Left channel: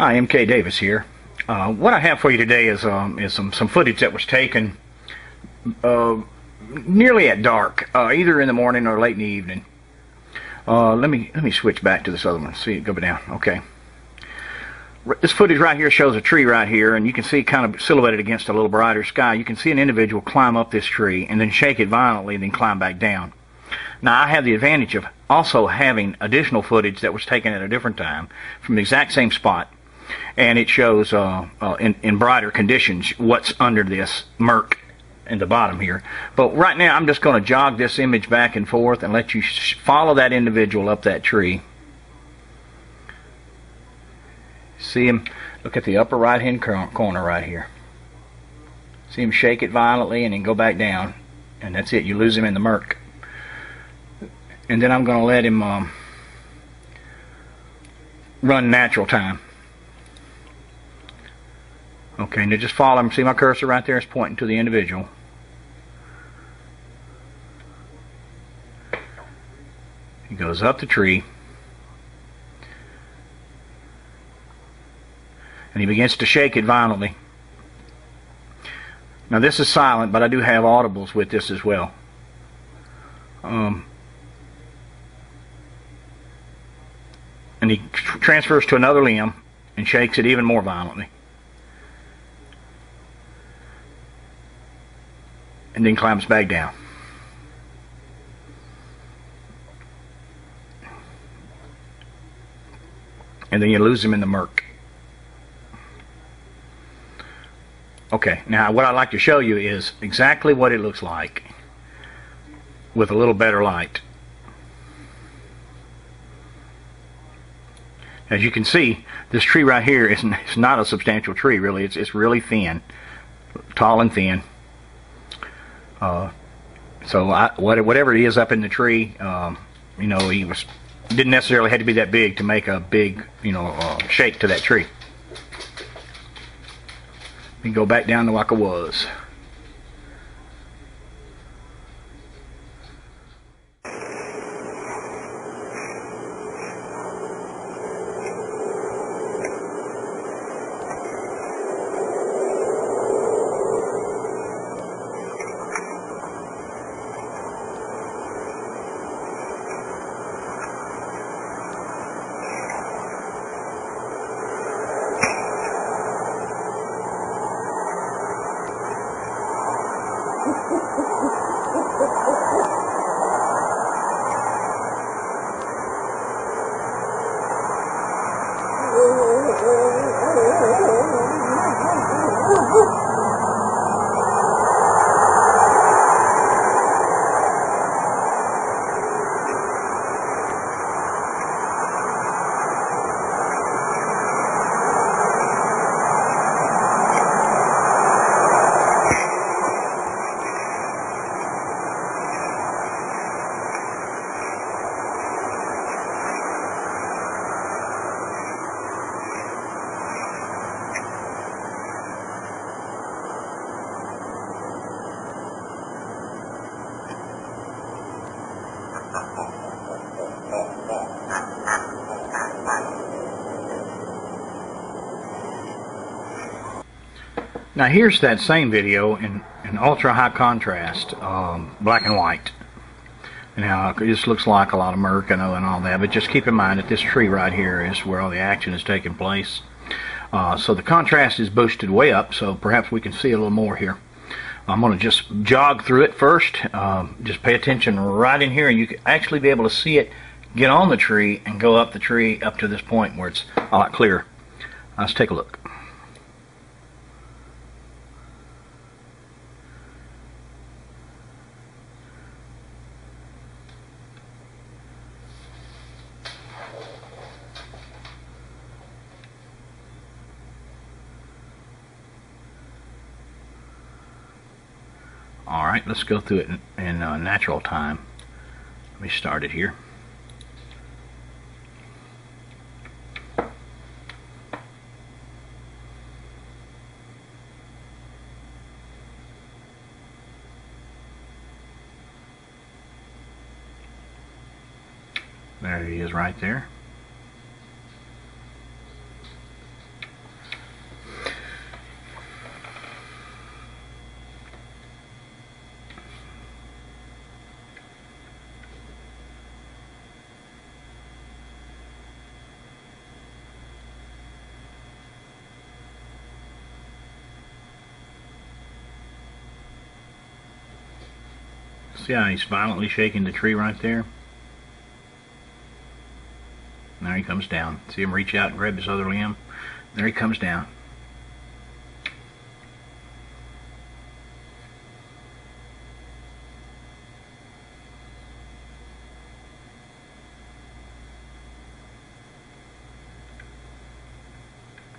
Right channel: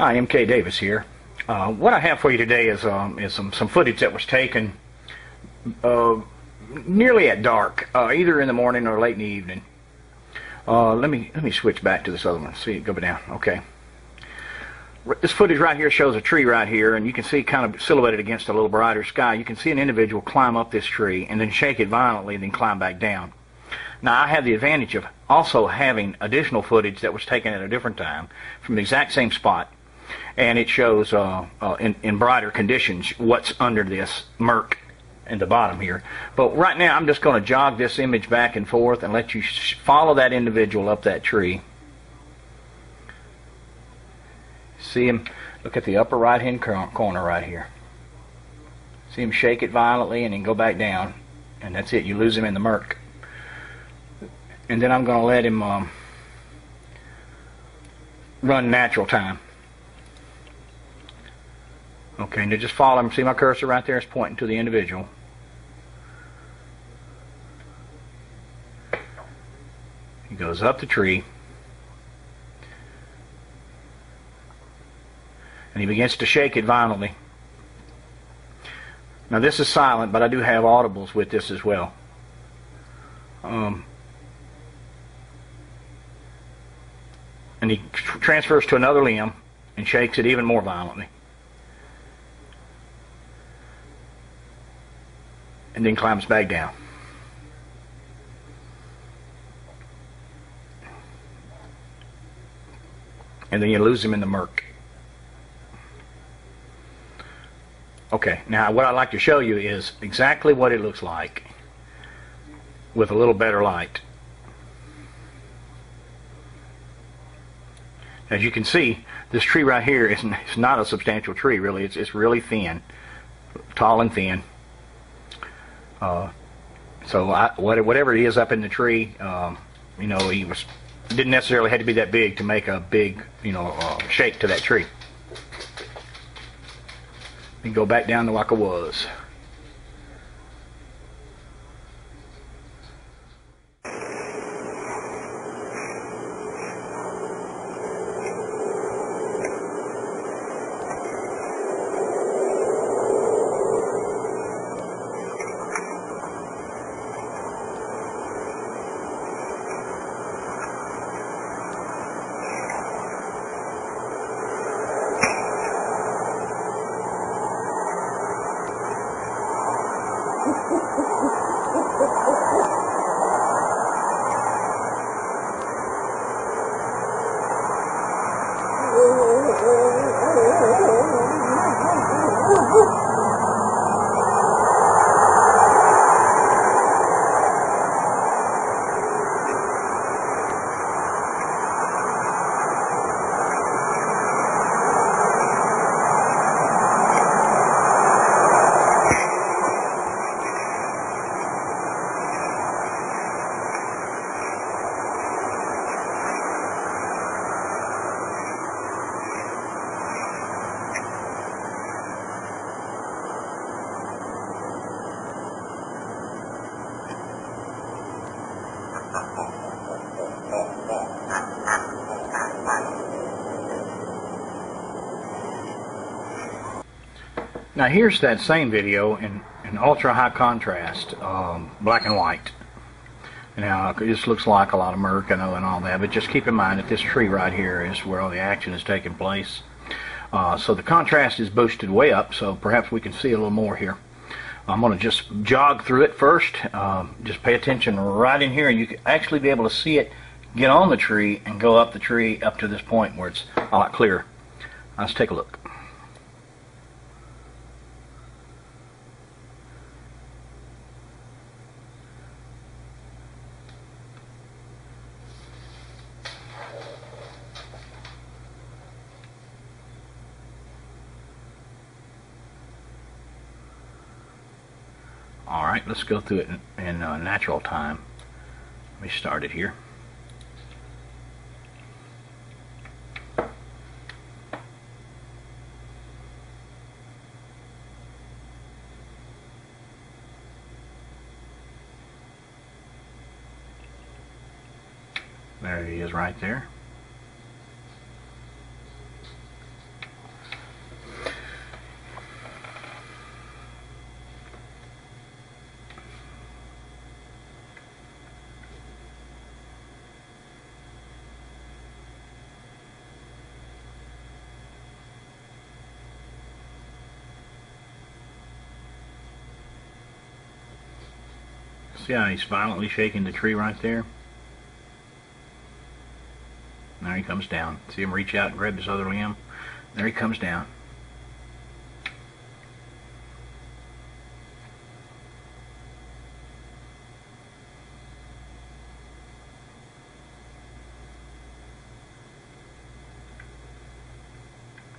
Hi, MK Davis here. What I have for you today is some footage that was taken nearly at dark, either in the morning or late in the evening. Let me switch back to this other one. See it go down. Okay. This footage right here shows a tree right here, and you can see kind of silhouetted against a little brighter sky. You can see an individual climb up this tree and then shake it violently and then climb back down. Now, I have the advantage of also having additional footage that was taken at a different time from the exact same spot. And it shows in brighter conditions what's under this murk in the bottom here. But right now I'm just going to jog this image back and forth and let you follow that individual up that tree. See him, look at the upper right hand corner right here. See him shake it violently and then go back down. And that's it, you lose him in the murk. And then I'm going to let him run natural time. Okay, now just follow him. See my cursor right there is pointing to the individual. He goes up the tree. And he begins to shake it violently. Now this is silent, but I do have audibles with this as well. And he transfers to another limb and shakes it even more violently. And then climbs back down. And then you lose him in the murk. Okay, now what I'd like to show you is exactly what it looks like with a little better light. As you can see, this tree right here is not a substantial tree, really. It's really thin, tall and thin. So whatever it is up in the tree, you know, didn't necessarily have to be that big to make a big, you know, shake to that tree. You go back down to like it was. Now here's that same video in ultra high contrast, black and white. Now this looks like a lot of murk, I know, and all that, but just keep in mind that this tree right here is where all the action is taking place. So the contrast is boosted way up, so perhaps we can see a little more here. I'm going to just jog through it first. Just pay attention right in here, and you can actually be able to see it get on the tree and go up the tree up to this point where it's a lot clearer. Let's take a look. Alright, let's go through it in natural time. Let me start it here. There he is right there. See how he's violently shaking the tree right there? Now he comes down. See him reach out and grab this other limb? There he comes down.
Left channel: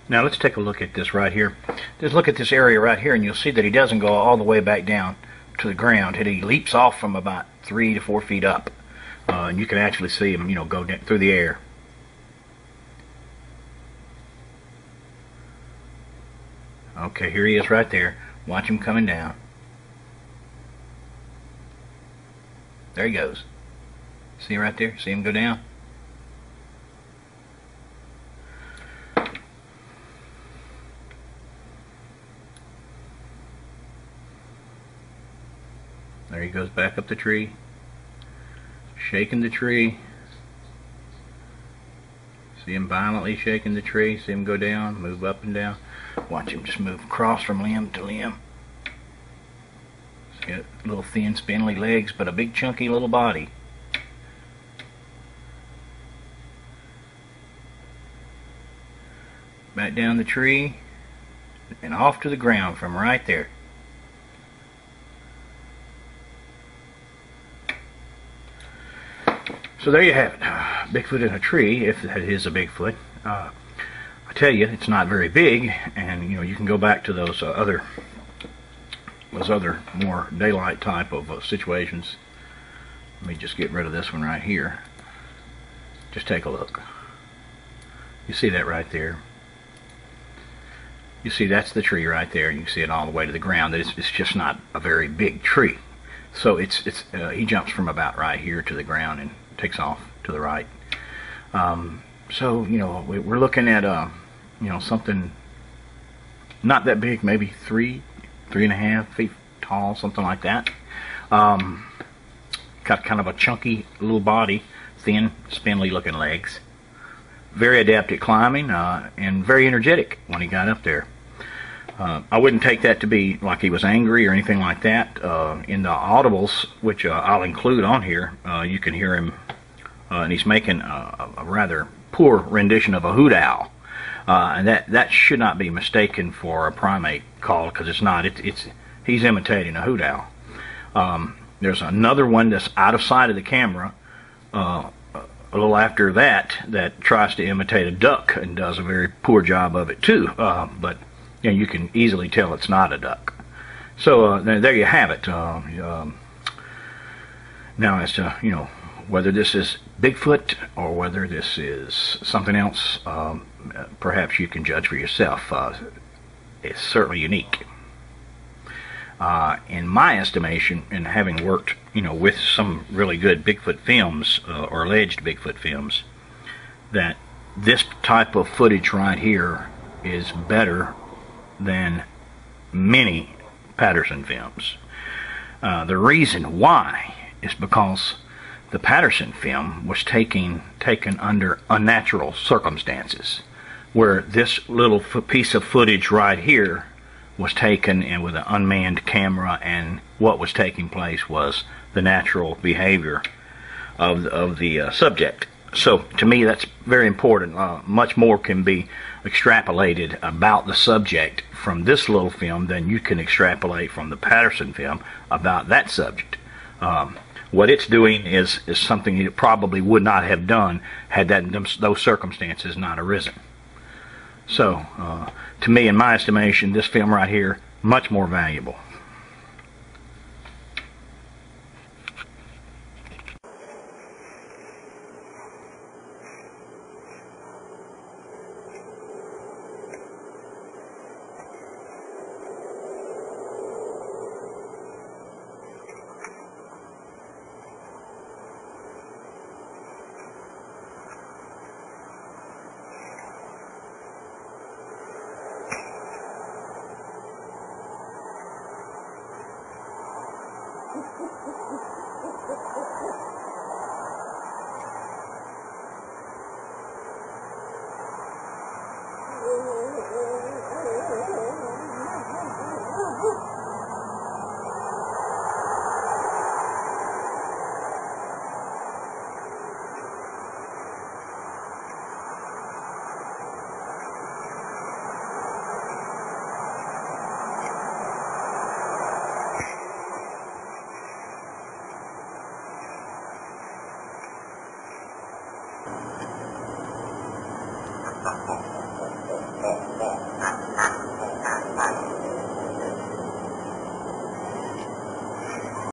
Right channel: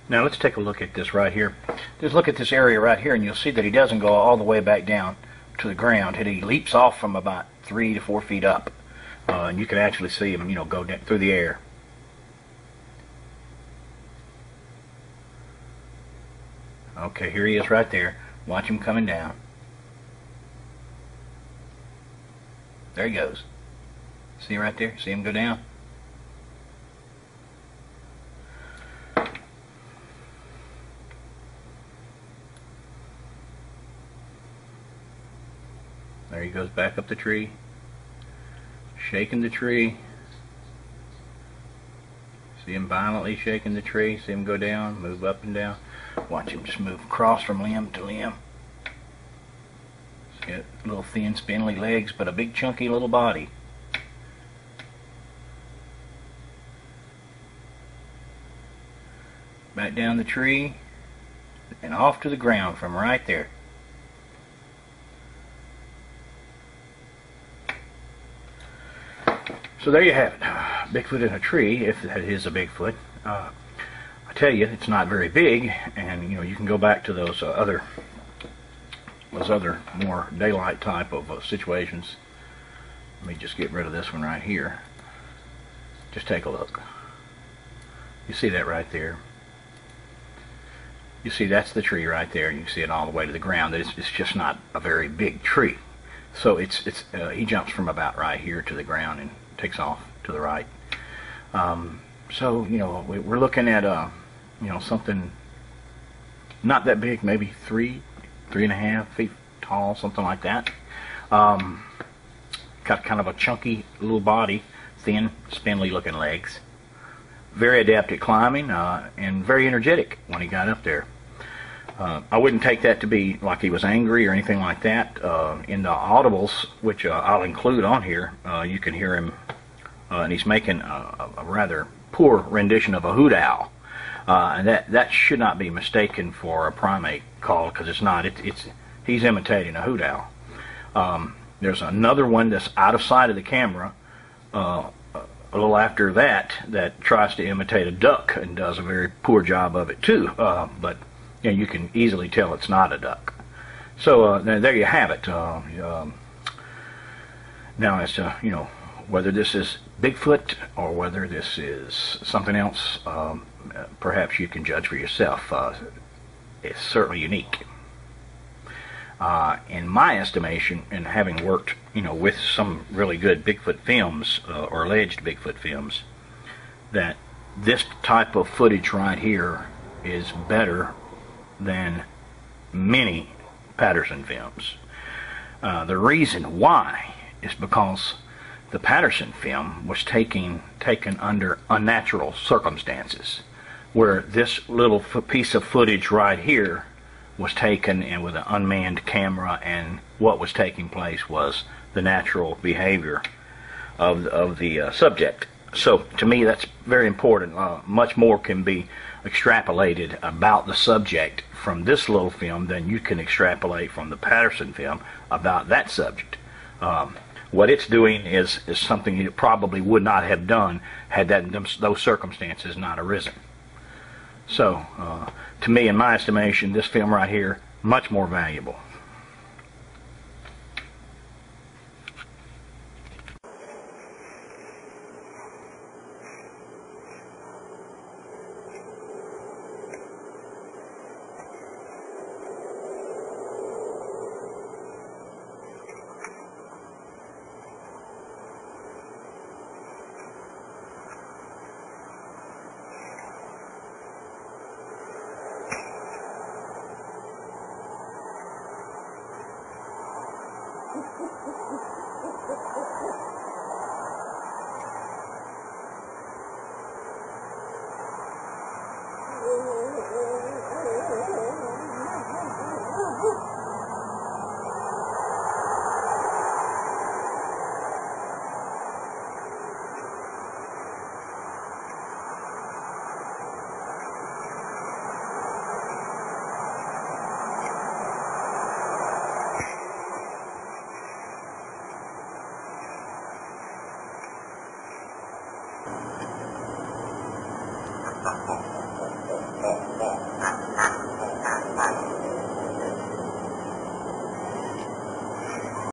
Now let's take a look at this right here. Just look at this area right here, and you'll see that he doesn't go all the way back down to the ground. He leaps off from about 3 to 4 feet up, and you can actually see him, go down through the air. Okay, here he is right there. Watch him coming down. There he goes. See right there? See him go down? There he goes back up the tree, shaking the tree. See him violently shaking the tree. See him go down, move up and down. Watch him just move across from limb to limb. He's got little thin, spindly legs, but a big, chunky little body. Back down the tree and off to the ground from right there. So there you have it. Bigfoot in a tree, if that is a Bigfoot. I tell you, it's not very big, and you can go back to those other more daylight type of situations. Let me just get rid of this one right here. Just take a look. You see that right there? You see that's the tree right there, and you can see it all the way to the ground. It's just not a very big tree. So he jumps from about right here to the ground and takes off to the right. So we're looking at something not that big, maybe 3.5 feet tall, something like that. Got kind of a chunky little body, thin, spindly looking legs. Very adept at climbing, and very energetic when he got up there. I wouldn't take that to be like he was angry or anything like that. In the audibles, which I'll include on here, you can hear him, and he's making a rather poor rendition of a hoot owl. And that should not be mistaken for a primate call, because it's not. He's imitating a hoot owl. There's another one that's out of sight of the camera, a little after that tries to imitate a duck and does a very poor job of it too. But you can easily tell it's not a duck. So there you have it. Now as to whether this is Bigfoot or whether this is something else, perhaps you can judge for yourself. It's certainly unique. In my estimation, and having worked with some really good Bigfoot films, or alleged Bigfoot films, that this type of footage right here is better than many Patterson films. The reason why is because the Patterson film was taken under unnatural circumstances, where this little piece of footage right here was taken and with an unmanned camera, and what was taking place was the natural behavior of the subject. So to me, that's very important. Much more can be extrapolated about the subject from this little film than you can extrapolate from the Patterson film about that subject. What it's doing is something it probably would not have done had those circumstances not arisen. So, to me, in my estimation, this film right here, much more valuable.